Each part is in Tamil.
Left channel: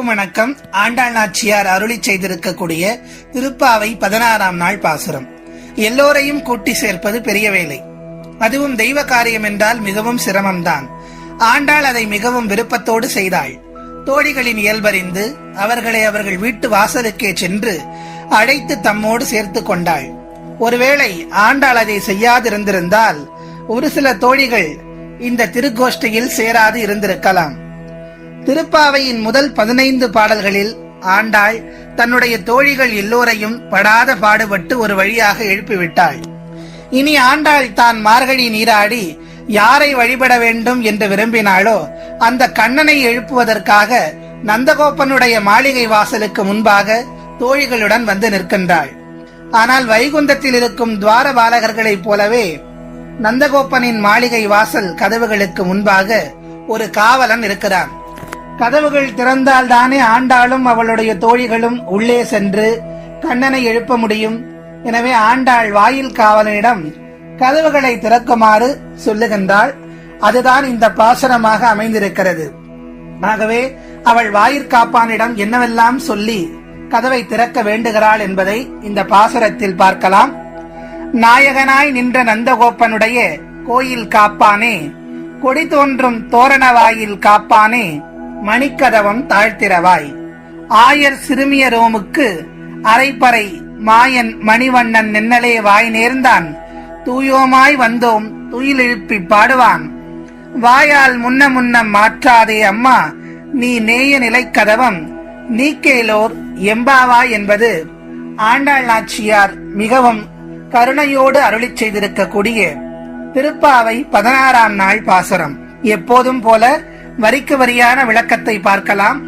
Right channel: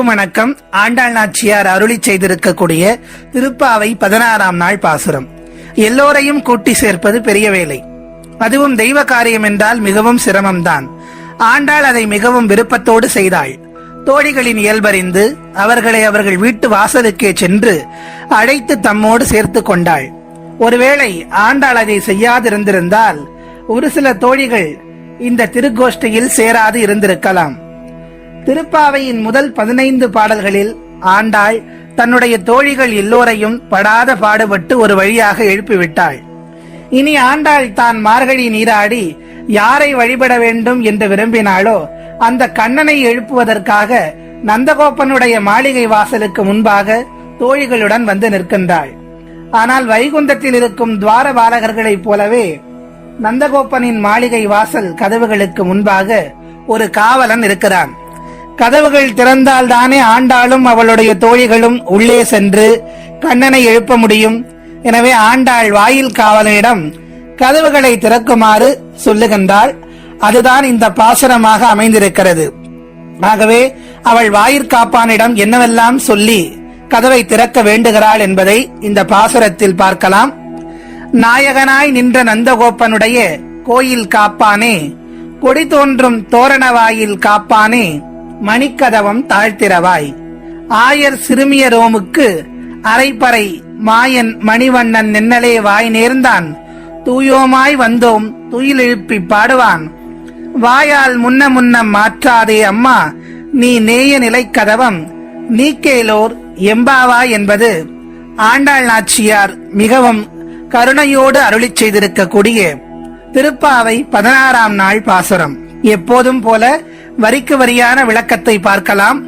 அனைவருக்கும் வணக்கம். ஆண்டாள் நாச்சியார் அருளி செய்திருக்கக்கூடிய திருப்பாவை பதினாறாம் நாள் பாசுரம். எல்லோரையும் கூட்டி சேர்ப்பது பெரிய வேலை. அதுவும் தெய்வ காரியம் என்றால் மிகவும் சிரமம்தான். ஆண்டாள் அதை மிகவும் விருப்பத்தோடு செய்தாள். தோழிகளின் இயல்பறிந்து அவர்களை அவர்கள் வீட்டு வாசலுக்கே சென்று அழைத்து தம்மோடு சேர்த்து கொண்டாள். ஒருவேளை ஆண்டாள் அதை செய்யாதிருந்திருந்தால் ஒரு சில தோழிகள் இந்த திருக்கோஷ்டியில் சேராது இருந்திருக்கலாம். திருப்பாவையின் முதல் பதினைந்து பாடல்களில் ஆண்டாள் தன்னுடைய தோழிகள் எல்லோரையும் படாத பாடுபட்டு ஒரு வழியாக எழுப்பிவிட்டாள். இனி ஆண்டாள் தான் மார்கழி நீராடி யாரை வழிபட வேண்டும் என்று விரும்பினாளோ அந்த கண்ணனை எழுப்புவதற்காக நந்தகோப்பனுடைய மாளிகை வாசலுக்கு முன்பாக தோழிகளுடன் வந்து நிற்கின்றாள். ஆனால் வைகுந்தத்தில் இருக்கும் துவார பாலகர்களைப் போலவே நந்தகோப்பனின் மாளிகை வாசல் கதவுகளுக்கு முன்பாக ஒரு காவலன் இருக்கிறான். கதவுகள் திறந்தால் தானே ஆண்டாளும் அவளுடைய தோழிகளும் உள்ளே சென்று கண்ணனை எழுப்ப முடியும். எனவே ஆண்டாள் வாயில் காவலனிடம் கதவுகளை திறக்குமாறு சொல்லுகின்றாள். அதுதான் இந்த பாசனமாக அமைந்திருக்கிறது. ஆகவே அவள் வாயிற்காப்பானிடம் என்னவெல்லாம் சொல்லி கதவை திறக்க வேண்டுகிறாள் என்பதை இந்த பாசுரத்தில் பார்க்கலாம். நாயகனாய் நின்ற நந்தகோப்பனுடைய கோயில் காப்பானே கொடி தோன்றும் தோரண வாயில் காப்பானே மணிக்கதவம் தாழ்த்திரவாய் ஆயர் சிறுமியரோமுக்கு அரைப்பறை மாயன் மணிவண்ணன் நின்னலே வாய் நேர்ந்தான். தூயோமாய் வந்தோம் துயிலிழுப்பி பாடுவான். வாயால் முன்ன முன்னம் மாற்றாதே அம்மா நீ நேய நிலைக்கதவம் நீக்கேலோர் எம்பாவா என்பது ஆண்டாள் நாச்சியார் மிகவும் கருணையோடு அருளிச் செய்திருக்கக்கூடிய திருப்பாவை பதினாறாம் நாள் பாசுரம். எப்போதும் போல வரிக்கு வரியான விளக்கத்தை பார்க்கலாம்.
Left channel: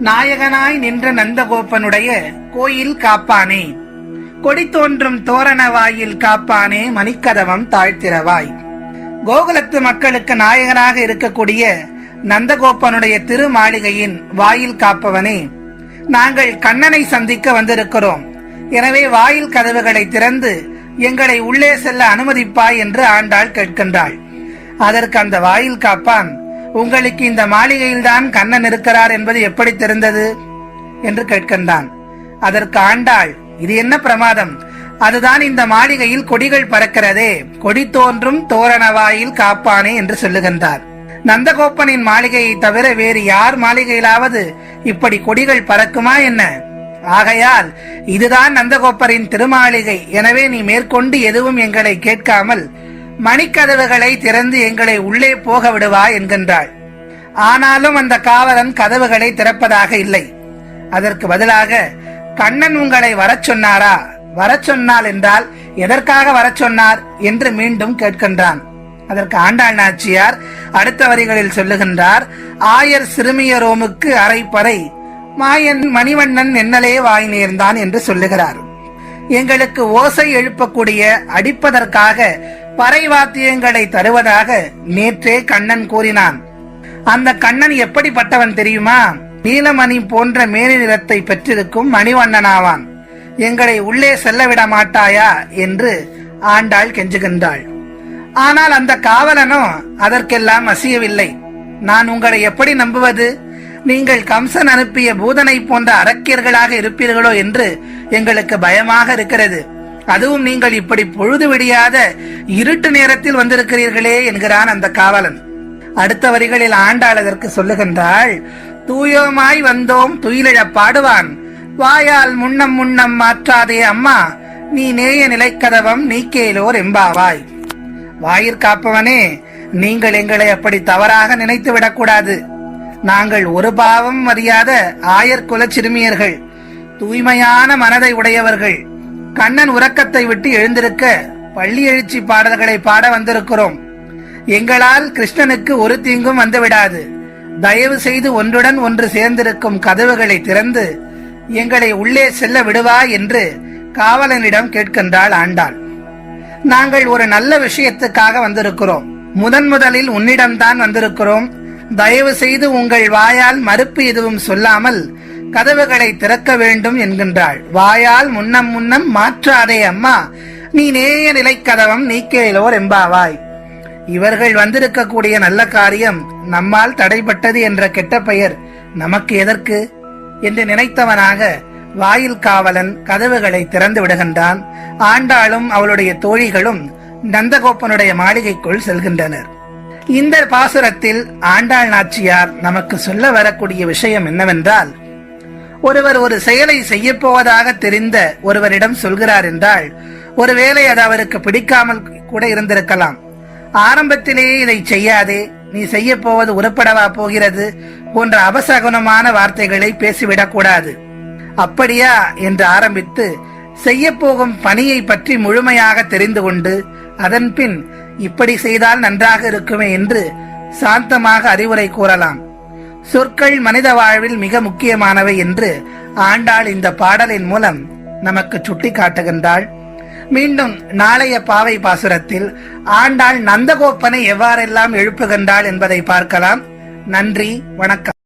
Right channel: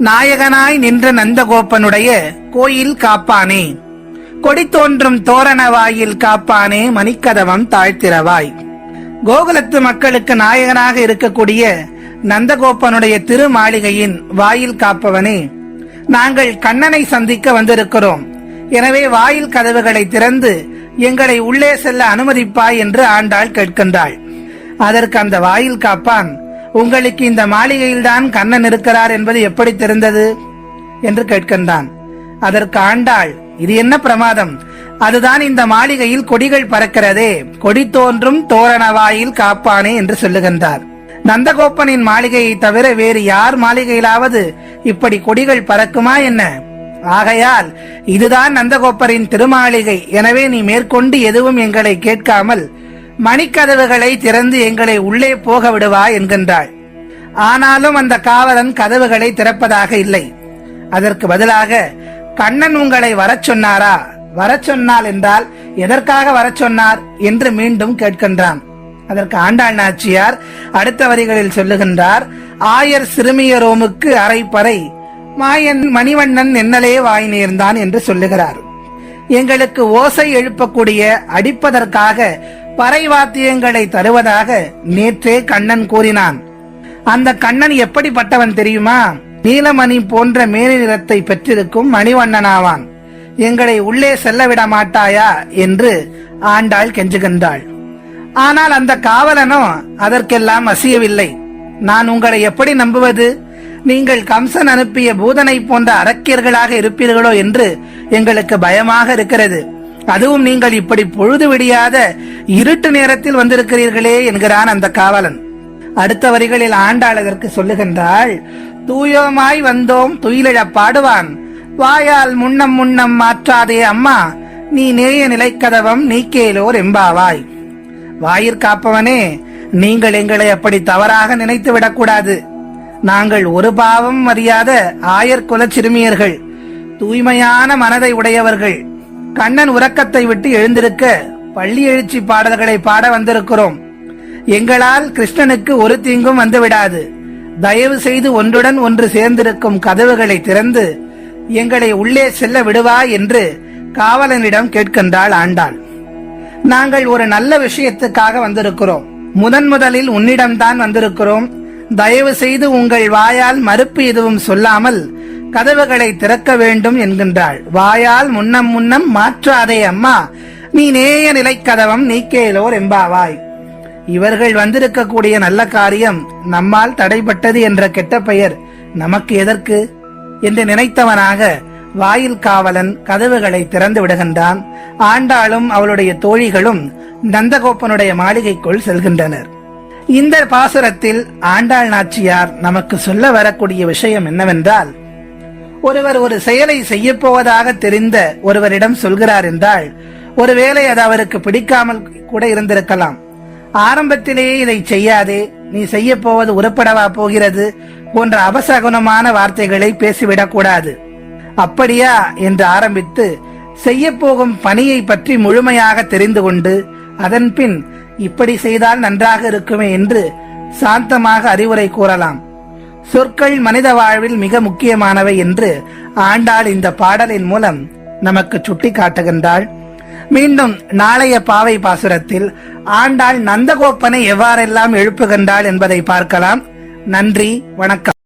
நாயகனாய் நின்ற நந்தகோப்பனுடைய கோயில் காப்பானே. கொடி தோன்றும் தோரண வாயில் காப்பானே மணிக்கதவம் தாழ்த்திரவாய் கோகுலத்து மக்களுக்கு நாயகனாக இருக்கக்கூடிய நந்தகோப்பனுடைய திருமாளிகையின் வாயில் காப்பவனே. நாங்கள் கண்ணனை சந்திக்க வந்திருக்கிறோம். எனவே வாயில் கதவுகளை திறந்து எங்களை உள்ளே செல்ல அனுமதிப்பாய் என்று ஆண்டாள் கேட்கின்றாள். அதற்கு அந்த வாயில் காப்பான் உங்களுக்கு இந்த மாளிகையில்தான் கண்ணன் இருக்கிறார் என்பது எப்படி தெரிந்தது? என்று கேட்கின்றான். அதற்கு ஆண்டாள் இது என்ன பிரமாதம்? அதுதான் இந்த மாளிகையில் கொடிகள் பறக்கிறதே. கொடி தோன்றும் தோரணவாயில் காப்பானே என்று சொல்லுகின்றார். நந்தகோப்பனின் மாளிகையை தவிர வேறு யார் மாளிகையிலாவது இப்படி கொடிகள் பறக்குமா என்ன? ஆகையால் இதுதான் நந்தகோப்பரின் திருமாளிகை. எனவே நீ மேற்கொண்டு எதுவும் எங்களை கேட்காமல் மணிக்கதவுகளை திறந்து எங்களை உள்ளே போக விடுவா என்கின்றாள். ஆனாலும் அந்த காவலன் கதவுகளை திறப்பதாக இல்லை. அதற்கு பதிலாக கண்ணன் உங்களை வரச் சொன்னாரா? வரச் சொன்னால் என்றால் எதற்காக வரச் சொன்னார்? என்று மீண்டும் கேட்கின்றான். அதற்கு ஆண்டாள் நாச்சியார் அடுத்த வரிகளில் சொல்லுகின்றார் ஆயர் சிறுமியரோமுக்கு அரைப்பறை. மாயன் மணிவண்ணன் என்னலே வாய் நேர்ந்தான் என்று சொல்லுகிறார். எங்களுக்கு ஓசை எழுப்பக்கூடிய அடிப்பதற்காக பறை வாத்தியங்களை தருவதாக நேற்றே கண்ணன் கூறினான். அந்த கண்ணன் எப்படிப்பட்டவன் தெரியுமா? நீலமணி போன்ற மேனி நிறத்தை பெற்றிருக்கும் மணிவண்ணனாவான். எங்களை உள்ளே செல்ல விட மாட்டாயா என்று ஆண்டாள் கெஞ்சுகின்றாள். ஆனால் அந்த காவலனோ அதற்கெல்லாம் அசியவில்லை. நான் உங்களை எப்படி நம்புவது? நீங்கள் கம்சன் அனுப்பிய பூதனை போன்ற அரக்கியர்களாக இருப்பீர்களோ என்று எங்களுக்கு பயமாக இருக்கிறது. அதுவும் நீங்கள் இப்படி பொழுது விடியாத இருட்டு நேரத்தில் வந்திருக்கிறீர்களே என்கிறான் அந்த காவலன். அடுத்த வரிகளில் ஆண்டாள் அதற்கு சொல்லுகின்றாள் தூயோமாய் வந்தோம் துயிலிழ பாடுவான். வாயால் முன்னம் முன்னம் மாற்றாதே அம்மா நீ நேய நிலைக்கதவம் நீக்கேலோர் எம்பாவாய். வாயிற்காப்பவனே நீங்கள் எங்களை அப்படி தவறாக நினைத்து விடக்கூடாது. நாங்கள் ஒரு பாவம் அறியாத ஆயர் குல சிறுமியர்கள் தூய்மையான மனதை உடையவர்கள். கண்ணன் உறக்கத்தை விட்டு எழுந்திருக்க பள்ளி எழுச்சி பாடல்களை பாட வந்திருக்கிறோம். எங்களால் கிருஷ்ணனுக்கு ஒரு தீங்கும் வந்து விடாது தயவு செய்து ஒன்றுடன் ஒன்று சேர்ந்திருக்கும் கதவுகளை திறந்து எங்களை உள்ளே செல்ல விடுவா என்று காவலனிடம் கேட்கின்றாள் ஆண்டாள். நாங்கள் ஒரு நல்ல விஷயத்துக்காக வந்திருக்கிறோம். முதன் முதலில் உன்னிடம்தான் வந்திருக்கிறோம். தயவு செய்து உங்கள் வாயால் மறுப்பு எதுவும் சொல்லாமல் கதவுகளை திறக்க வேண்டும் என்கின்றாள். வாயால் முன்னம் முன்னம் மாற்றாதே அம்மா. நீ நேய நிலைக்கதவம் நீக்கேலோர் எம்பாவாய் இவர்கள் வந்திருக்கக்கூடிய நல்ல காரியம் நம்மால் தடைப்பட்டது என்ற கெட்ட பெயர் நமக்கு எதற்கு? என்று நினைத்தவனாக வாயில் காவலன் கதவுகளை திறந்து விடுகின்றான். ஆண்டாளும் அவளுடைய தோழிகளும் நந்தகோப்பனுடைய மாளிகைக்குள் செல்கின்றனர். இந்த பாசுரத்தில் ஆண்டாள் நாச்சியார் நமக்கு சொல்ல வரக்கூடிய விஷயம் என்னவென்றால் ஒருவர் ஒரு செயலை செய்ய போவதாக தெரிந்த ஒருவரிடம் சொல்கிறார் என்றால் ஒருவேளை அது அவருக்கு பிடிக்காமல் கூட இருந்திருக்கலாம். ஆரம்பத்திலேயே இதை செய்யாதே. நீ செய்ய போவது உருப்படவா போகிறது போன்ற அபசகுணமான வார்த்தைகளை பேசிவிடக் கூடாது. அப்படியா என்று ஆரம்பித்து செய்ய போகும் பணியை பற்றி முழுமையாக தெரிந்து கொண்டு அதன் பின் இப்படி செய்தால் நன்றாக இருக்குமே என்று சாந்தமாக அறிவுரை கூறலாம். சொற்கள் மனித வாழ்வில் மிக முக்கியமானவை என்று ஆண்டாள் இந்த பாடலின் மூலம் நமக்கு சுட்டி காட்டுகின்றாள் மீண்டும் நாளைய பாவை பாசுரத்தில் ஆண்டாள் நந்தகோப்பனை எவ்வாறெல்லாம் எழுப்புகின்றாள் என்பதை பார்க்கலாம். நன்றி வணக்கம்.